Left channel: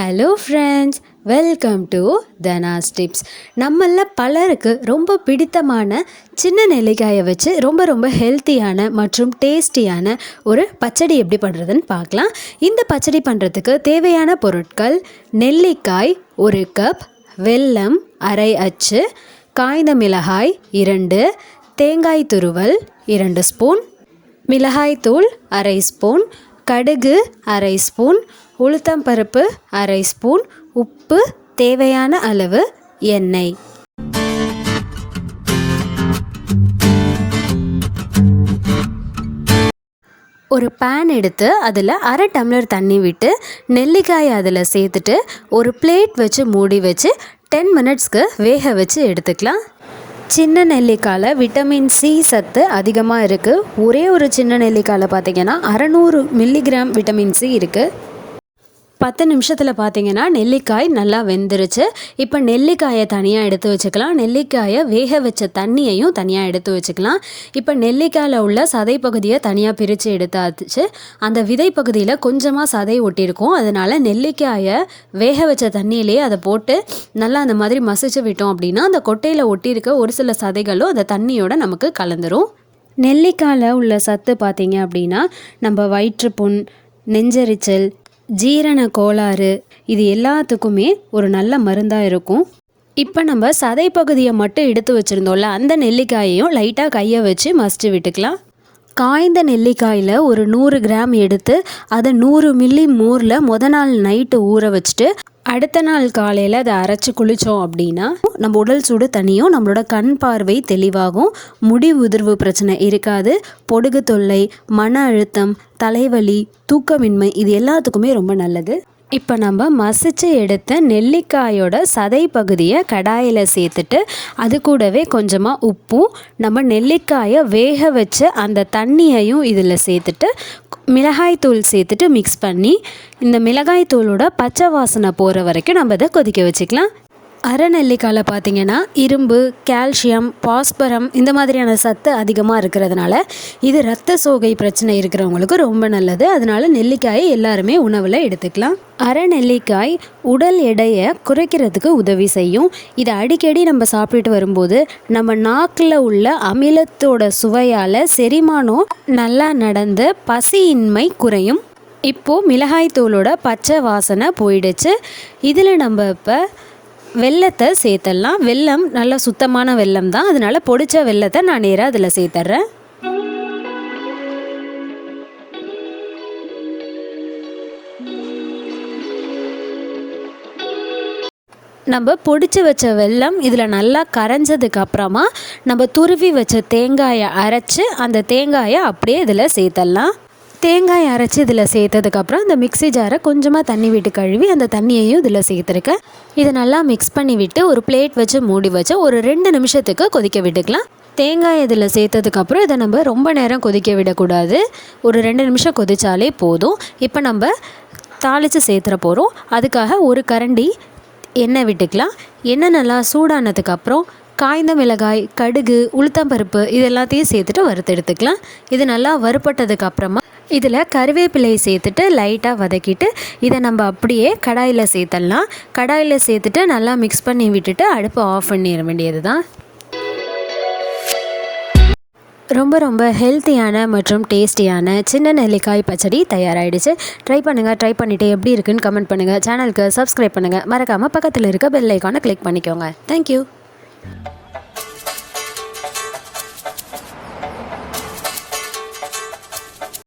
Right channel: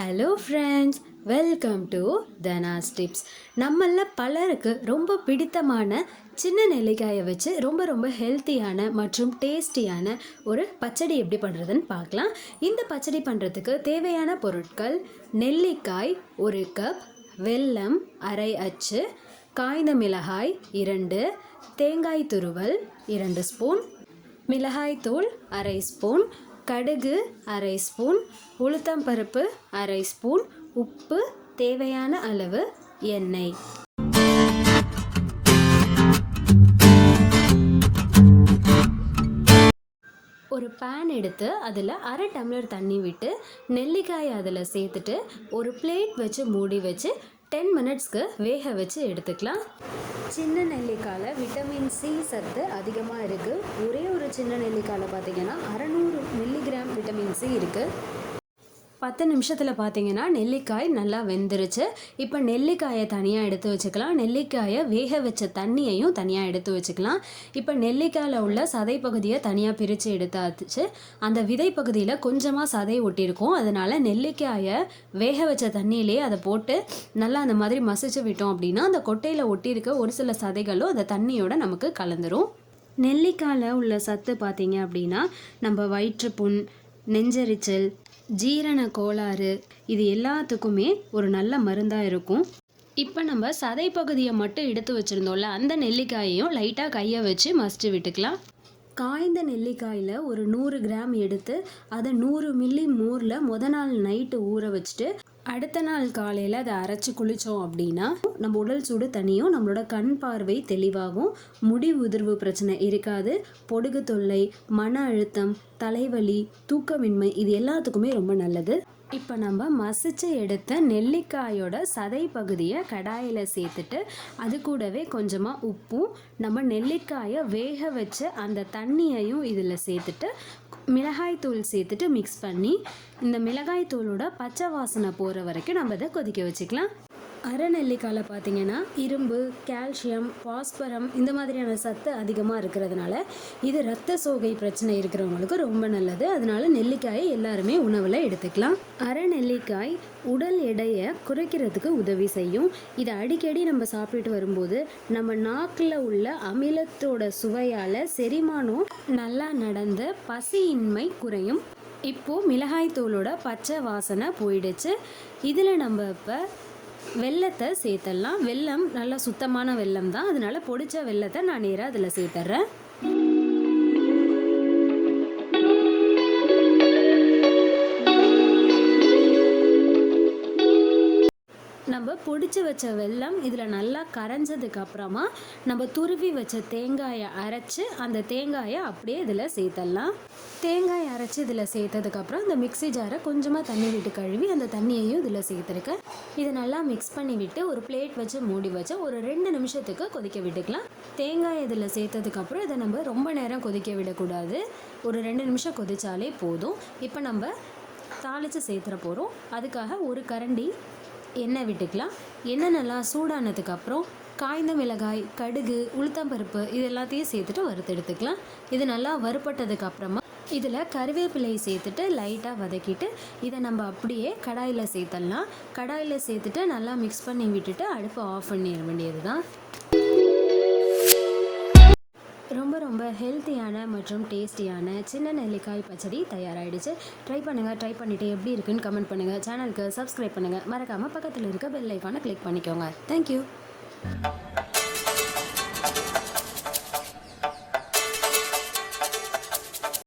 Hello friends, welcome to Dhana's tips. நம்மளில் பலருக்கு ரொம்ப பிடித்தமான சின்ன நெல்லிக்காயை வச்சு ரொம்ப ஹெல்த்தியான மற்றும் டேஸ்டியான ஒரு பச்சடி எப்படி பண்ணுறதுன்னு பார்க்கலாம். இந்த பச்சடி பண்ணுறதுக்கு தேவையான பொருட்கள்: நெல்லிக்காய் 1 கப், வெல்லம் அரை அச்சு, காய்ந்த மிளகாய் 2, தேங்காய் துருவல் 2 ஸ்பூன், மிளகாய்த்தூள் அரை ஸ்பூன், கடுகு அரை ஸ்பூன், உளுத்தம்பருப்பு அரை ஸ்பூன், உப்பு, தேவையான அளவு எண்ணெய். ஒரு பேன் எடுத்து அதில் அரை டம்ளர் தண்ணி விட்டு நெல்லிக்காயை அதில் சேர்த்துட்டு ஒரு பிளேட் வச்சு மூடி வச்சு 10 மினிட்ஸ்க்கு வேக வச்சு எடுத்துக்கலாம். சின்ன நெல்லிக்காயில் விட்டமின் சி சத்து அதிகமாக இருக்குது. ஒரே ஒரு சின்ன நெல்லிக்காயில் பார்த்திங்கன்னா 600 மில்லிகிராம் விட்டமின் சி இருக்குது. 10 நிமிஷத்தில் பார்த்திங்கன்னா நெல்லிக்காய் நல்லா வெந்துருச்சு. இப்போ நெல்லிக்காயை தனியாக எடுத்து வச்சுக்கலாம். நெல்லிக்காயை வேக வச்ச தண்ணியையும் தனியாக எடுத்து வச்சுக்கலாம். இப்போ நெல்லிக்காயில் உள்ள சதை பகுதியை தனியாக பிரித்து எடுத்தாச்சு. அந்த விதை பகுதியில் கொஞ்சமாக சதை ஒட்டியிருக்கும். அதனால் நெல்லிக்காயை வேக வச்ச தண்ணியிலேயே அதை போட்டு நல்லா அந்த மாதிரி மசிச்சு விட்டோம் அப்படின்னா அந்த கொட்டையில் ஒட்டியிருக்க ஒரு சில சதைகளும் அந்த தண்ணியோட நமக்கு கலந்துரும். நெல்லிக்காயில் உள்ள சத்து பார்த்திங்க அப்படின்னா நம்ம வயிற்றுப்புண், நெஞ்செரிச்சல், ஜீரண கோளாறு இது எல்லாத்துக்குமே ஒரு நல்ல மருந்தாக இருக்கும். இப்போ நம்ம சதை பகுதியை மட்டும் எடுத்து வச்சுருந்தோம்ல, அந்த நெல்லிக்காயையும் லைட்டாக கையை வச்சு மசிச்சு விட்டுக்கலாம். காய்ந்த நெல்லிக்காயில் ஒரு 100 கிராம் எடுத்து அதை 100 மில்லி மோரில் நாள் நைட்டு ஊற வச்சுட்டு அடுத்த நாள் காலையில் அதை அரைச்சி குளித்தோம் அப்படின்னா நம்ம உடல் சூடு தனியும், நம்மளோட கண் பார்வை தெளிவாகும், முடி உதிர்வு பிரச்சனை இருக்காது, பொடுகு தொல்லை, மன அழுத்தம், தலைவலி, தூக்கமின்மை இது எல்லாத்துக்குமே ரொம்ப நல்லது. இப்போ நம்ம மசிச்சு எடுத்த நெல்லிக்காயோட சதை பகுதியை கடாயில் சேர்த்துட்டு அது கூடவே கொஞ்சமாக உப்பும் நம்ம நெல்லிக்காயை வேக வச்சு அந்த தண்ணியையும் இதில் சேர்த்துட்டு மிளகாய்த்தூள் சேர்த்துட்டு மிக்ஸ் பண்ணி இந்த மிளகாய்த்தூளோட பச்சை வாசனை போகிற வரைக்கும் நம்ம இதை கொதிக்க வச்சுக்கலாம். அரை நெல்லிக்காயில் பார்த்திங்கன்னா இரும்பு, கால்சியம், பாஸ்பரம் இந்த மாதிரியான சத்து அதிகமாக இருக்கிறதுனால இது இரத்த சோகை பிரச்சனை இருக்கிறவங்களுக்கு ரொம்ப நல்லது. அதனால நெல்லிக்காயை எல்லாருமே உணவில் எடுத்துக்கலாம். அரை நெல்லிக்காய் உடல் எடையை குறைக்கிறதுக்கு உதவி செய்யும். இதை அடிக்கடி நம்ம சாப்பிட்டுட்டு வரும்போது நம்ம நாக்கில் உள்ள அமிலத்தோட சுவையால் செரிமானம் நல்லா நடந்து பசியின்மை குறையும். இப்போது மிளகாய்த்தூளோட பச்சை வாசனை போயிடுச்சு. இதில் நம்ம இப்போ வெல்லத்தை சேர்த்துடலாம். வெல்லம் நல்லா சுத்தமான வெல்லம் தான், அதனால் பொடிச்ச வெல்லத்தை நான் நேராக அதில் சேர்த்துட்றேன். நம்ம பொடிச்சு வச்ச வெல்லம் இதில் நல்லா கரைஞ்சதுக்கு அப்புறமா நம்ம துருவி வச்ச தேங்காயை அரைச்சி அந்த தேங்காயை அப்படியே இதில் சேர்த்துடலாம். தேங்காய் அரைச்சி இதில் சேர்த்ததுக்கப்புறம் இந்த மிக்ஸி ஜாரை கொஞ்சமாக தண்ணி விட்டு கழுவி அந்த தண்ணியையும் இதில் சேர்த்துருக்கேன். இதை நல்லா மிக்ஸ் பண்ணி விட்டு ஒரு பிளேட் வச்சு மூடி வச்சு ஒரு 2 நிமிஷத்துக்கு கொதிக்க விட்டுக்கலாம். தேங்காய் இதில் சேர்த்ததுக்கப்புறம் இதை நம்ம ரொம்ப நேரம் கொதிக்க விடக்கூடாது. ஒரு 2 நிமிஷம் கொதித்தாலே போதும். இப்போ நம்ம தாளித்து சேர்த்துற போகிறோம். அதுக்காக ஒரு கரண்டி எண்ணெய் விட்டுக்கலாம். எண்ணெய் நல்லா சூடானதுக்கப்புறம் காய்ந்த மிளகாய், கடுகு, உளுத்தம்பருப்பு இது எல்லாத்தையும் சேர்த்துட்டு வறுத்து எடுத்துக்கலாம். இது நல்லா வறுப்பட்டதுக்கு அப்புறமா இதில் கருவேப்பிலை சேர்த்துட்டு லைட்டாக வதக்கிட்டு இதை நம்ம அப்படியே கடாயில் சேர்த்துடலாம். கடாயில் சேர்த்துட்டு நல்லா மிக்ஸ் பண்ணி விட்டுட்டு அடுப்பை ஆஃப் பண்ணிட வேண்டியது தான். ரொம்ப ஹெல்த்தியான மற்றும் டேஸ்டியான சின்ன நெல்லிக்காய் பச்சடி தயாராகிடுச்சு. ட்ரை பண்ணிவிட்டு எப்படி இருக்குன்னு கமெண்ட் பண்ணுங்கள். சேனலுக்கு சப்ஸ்கிரைப் பண்ணுங்கள். மறக்காமல் பக்கத்தில் இருக்க பெல் ஐக்கானை கிளிக் பண்ணிக்கோங்க. தேங்க்யூ.